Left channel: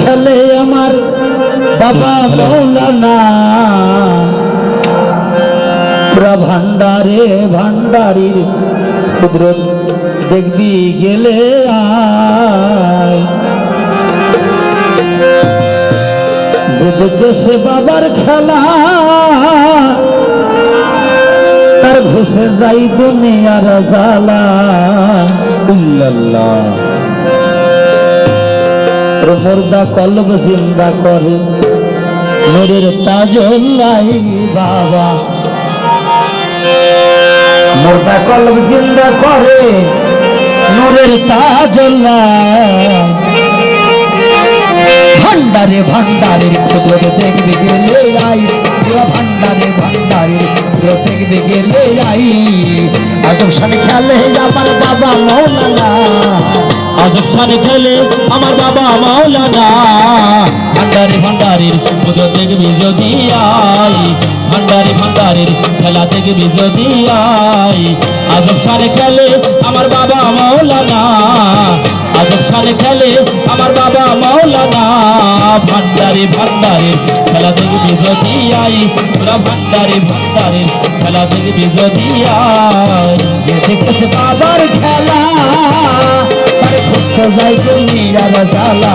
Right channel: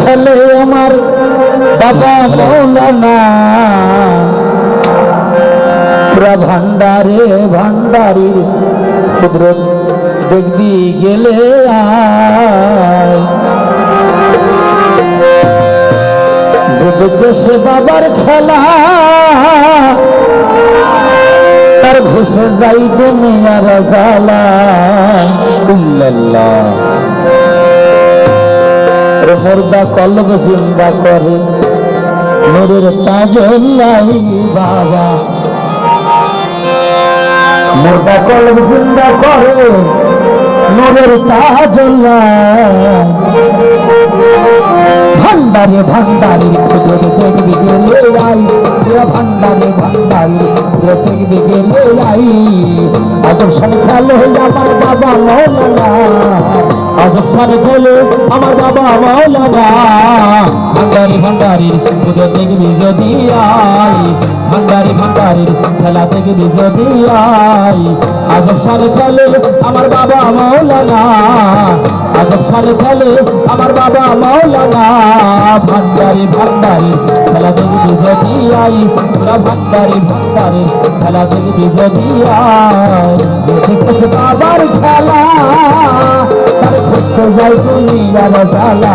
খেলে আমার বাবা মৌলানা। পুরা ভান্ডারে ভান্ডারির কুদরত দেখবি গেলে সে বাবার খেলা। তার ঘুষে যাই দুনিয়ার জ্বালা ইল্লাল্লাহ রে মুর্দা কলব জিন্দা করে। নূরের তাজল্লাই বাবা। মুর্দা কলব জিন্দা করে নূরের তাজল্লাই ভান্ডারে ভান্ডারের ক্ষুদ্র দেখবে গেলে আই ভান্ডারে ভান্ডারের ক্ষুদ্র দেখবে গেলে আই আদম সামনে খেলে আমার বাবা মৌলানা। আজব সানে খেলে আমার বাবা মাওলানা ভান্ডারি ভান্ডারির পুজো দেখবি যদি আই ভান্ডারি ভান্ডারির খেলা দেখবি যদি আই আজব সানে খেলে আমার বাবা মাওলানা আজব সানে খেলে আমার বাবা মাওলানা ভান্ডারি, খেলা দেখবি যদি আই, পুরা ভান্ডারি ভান্ডারির খেলা দেখবি যদি আই। দেখেছে বাবার খেলা, তার খুশে যাই দুনিয়ার জ্বালা।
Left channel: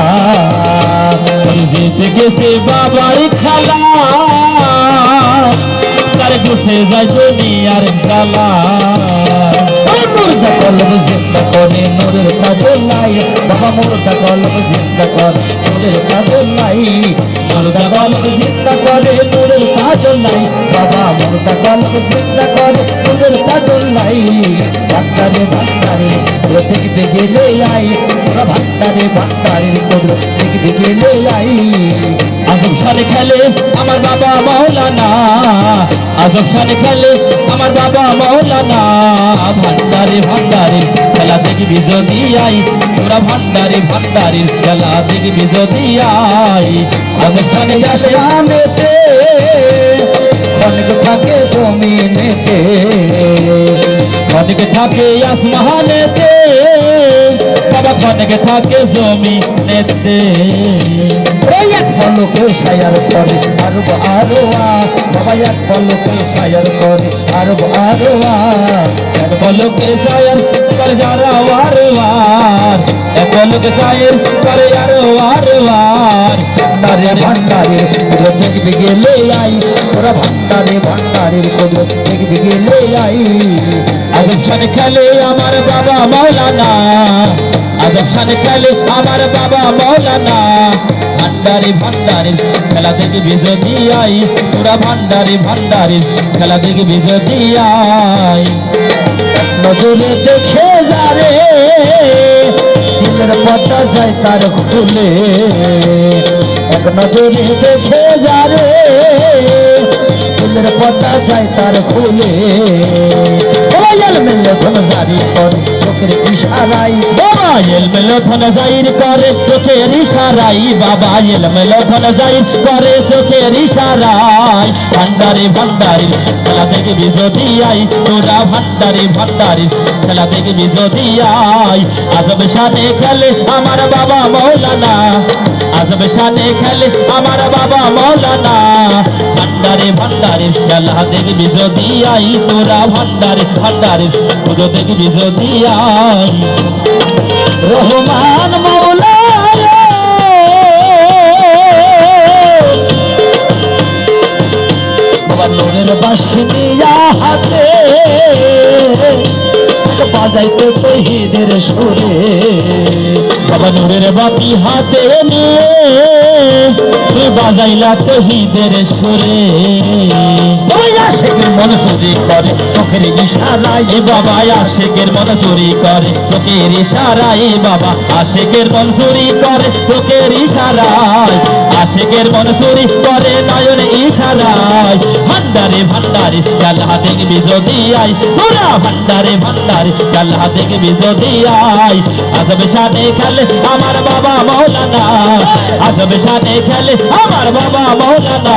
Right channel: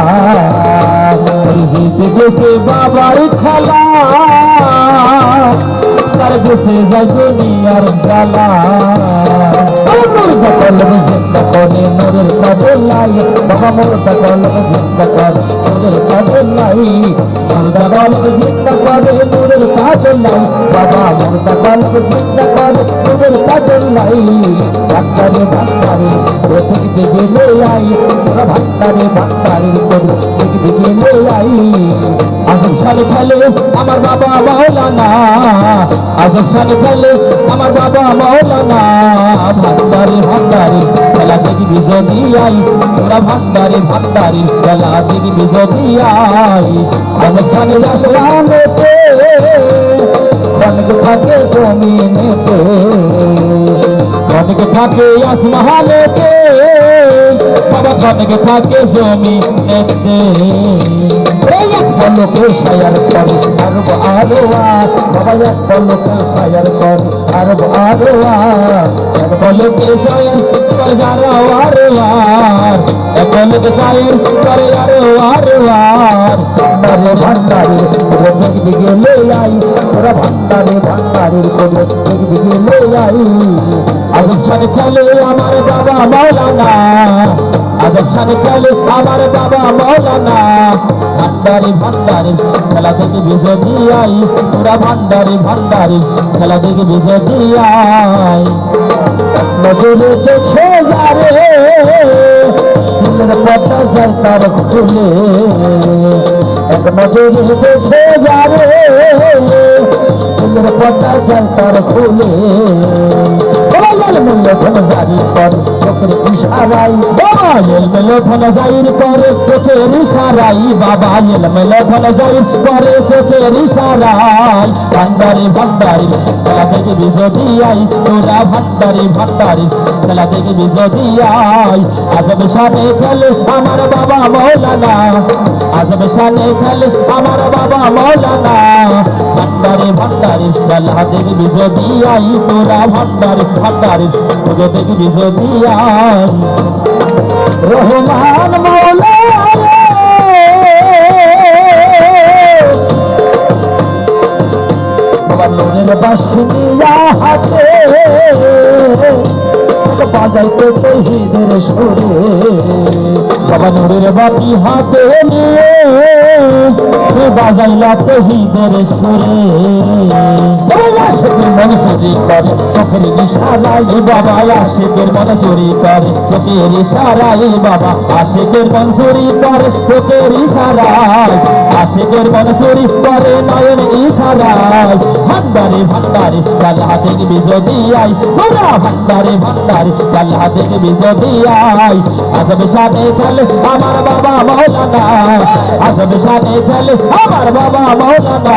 গেছে বাবার খেলা, তার গেছে যায় দুনিয়ার খেলা মুর্দা কলব জিন্দা করে, নূরের কাদলাই বাবা মুর্দা কলব জিন্দা করে, নূরের কাদলাই মুর্দা কলব জিন্দা করে নূরের কাজলাই বাবা মুর্দা কলব জিন্দা করে নূরের ভান্ডারে ভান্ডারে প্রতীক বেগেলে আই পুরা ভান্ডারে ভান্ডারে কদ্র প্রতীক বেগেলে আই আজব সালে খেলে আমার বাবা মৌলানা আজব সালে খেলে আমার দেখবি যদি আই তোরা ভান্ডারে ভান্ডারে খেলা দেখবি যদি আই সালে আসে আসমানেতে অনেক থাকে জমিনেতে। অনেকে থাকে আসমানেতে, বাবা অনেকে থাকে জমিনেতে। পলকে সায়ার করে, আরব আরও বাবা এক পলকে সায়ার করে, আরব আরও এক পলকে চায়ের করে যারা আর এক পলকে চায়ের করে আরও আর আর ভান্ডারে ভান্ডারে পুরো দেখবি গেলে আই পুরা ভান্ডারে ভান্ডারের পুরো দেখবি গেলে আই। সানে খেলে আমার বাবা মৌলানা সানে খেলে আমার বাবা মৌলানা। ভান্ডারি ভান্ডারি খেলা দেখবি যদি আই। পুরা ভান্ডারি ভান্ডারি খেলা দেখবি যদি আই। নজরে দেখে যারে দিলের পটা যায় তার খুলে এক নজরে দেখে যারে দিলের পটা যায় তার মিললে এলমেলো ধন জাইর করে, চোখের ইশারাই বাবা এলমেলো ধন জাইর করে, চোখের ইশারাই ভান্ডারি ভান্ডারি খেলা দেখবি যদি আই তোরা ভান্ডারি ভান্ডারি খেলা যদি আই আজব খেলে আমার বাবা মৌলানা, আজব খেলে আমার বাবা মৌলানা। ভান্ডারি, ভান্ডারে খেলা দেখবি যদি আই, তোরা ভান্ডারে ভান্ডারে, পুজো দেখবি যদি আই রহমান মৌলা রে। বাসিনিয়া হাতে বাজাইতে তহিদের সুরে। বাবা নূরের বাপি হাতে নিয়ে বাজাইলা তহিদের সুরে। মন চুরি করে, চোখের ইশারায় বাবা আশেকের মন চুরি করে, চোখের ইশারায় বাবা আশেকের মন চুরি করে, চোখের ইশারায় আশেকের মন চুরি করে, নয়ন ইশারায়। ভান্ডারে ভান্ডারে গালা দেখবি যদি আই পুরা ভান্ডারে ভান্ডারে গালা দেখবি যদি আই আজব সাথে খেলে আমার বাবা মৌলানা, আজব শানে খেলে আমার বাবা মৌলানা।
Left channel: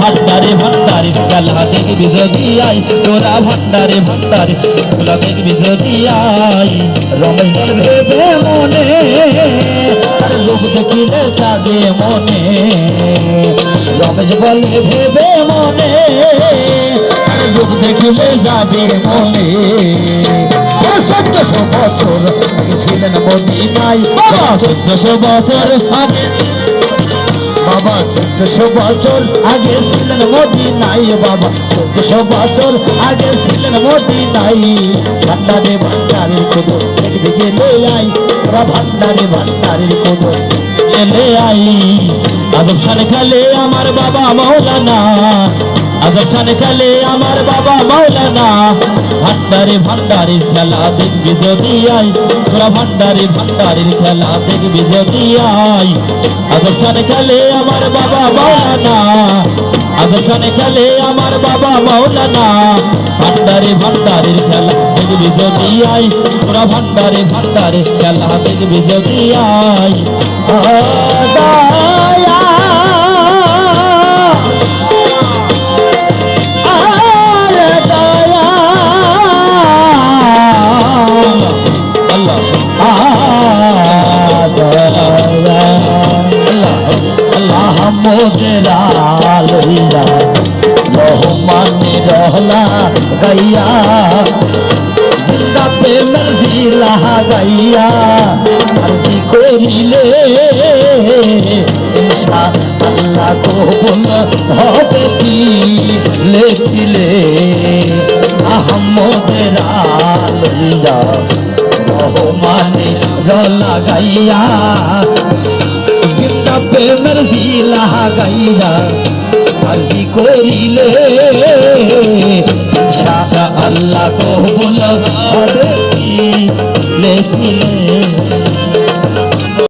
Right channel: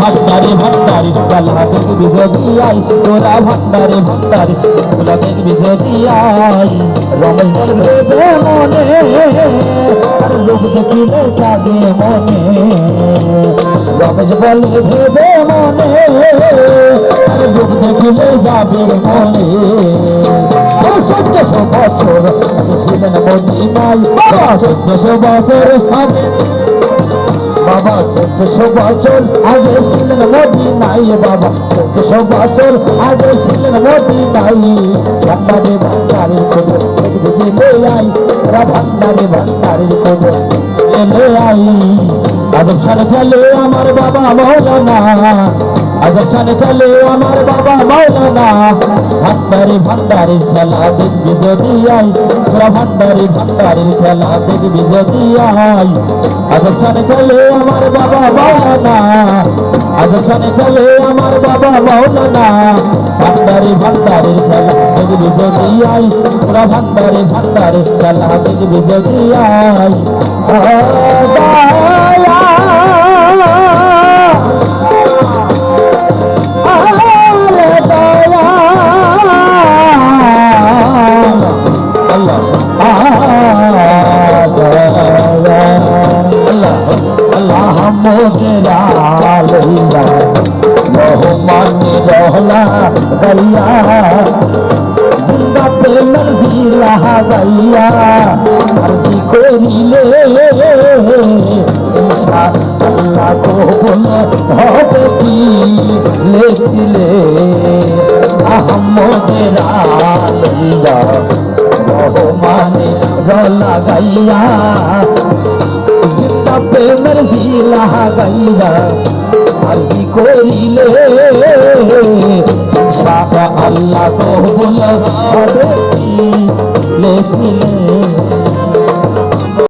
ভান্ডারে ভান্ডারে খেলা দেখবি যদি আই তোরা ভান্ডারে ভান্ডারে খেলা দেখবি যদি আই রমেশ ভেবে মনে, আর লোক দেখিলে কাঁদে মনে। রমেশ বলে ভেবে মনে আর লোক দেখিলে যাবে মনে। চোদ্দশো বছর আগে ছিলেন মদিনায়। চোদ্দশো বছর আগে বাবা চোদ্দশো বছর আগে ছিলেন মদিনায়। বাবা চোদ্দশো বছর আগে ছিলেন মদিনায়। ভান্ডারে ভান্ডারের খবর দেখবে গেলে আই ভান্ডারে ভান্ডারের খবর এলে আই। আজব শানে খেলে আমার বাবা মৌলানা। আজব শানে খেলে আমার বাবা মৌলানা। ভান্ডারে ভান্ডারের খেলা দেখবি যদি আই। তোরা ভান্ডারে ভান্ডারের খেলা দেখবি যদি আই। আজব শানে খেলে আমার বাবা মৌলানা। আজব শানে খেলে আমার বাবা মৌলানা ভান্ডারে, ভান্ডারের খেলা দেখবি যদি আই তোরা ভান্ডারে ভান্ডারে খেলা দেখবি যদি আই भोला गैया जिंदा पे मर्जी लहा गैया मर्जी को मिले इंशा अल्लाह को बोलो हो बेटी ले ले প্রেমের হিলা গাইয়া আলহি করিলে। ইনশা আল্লাহ কবুল লেখিলে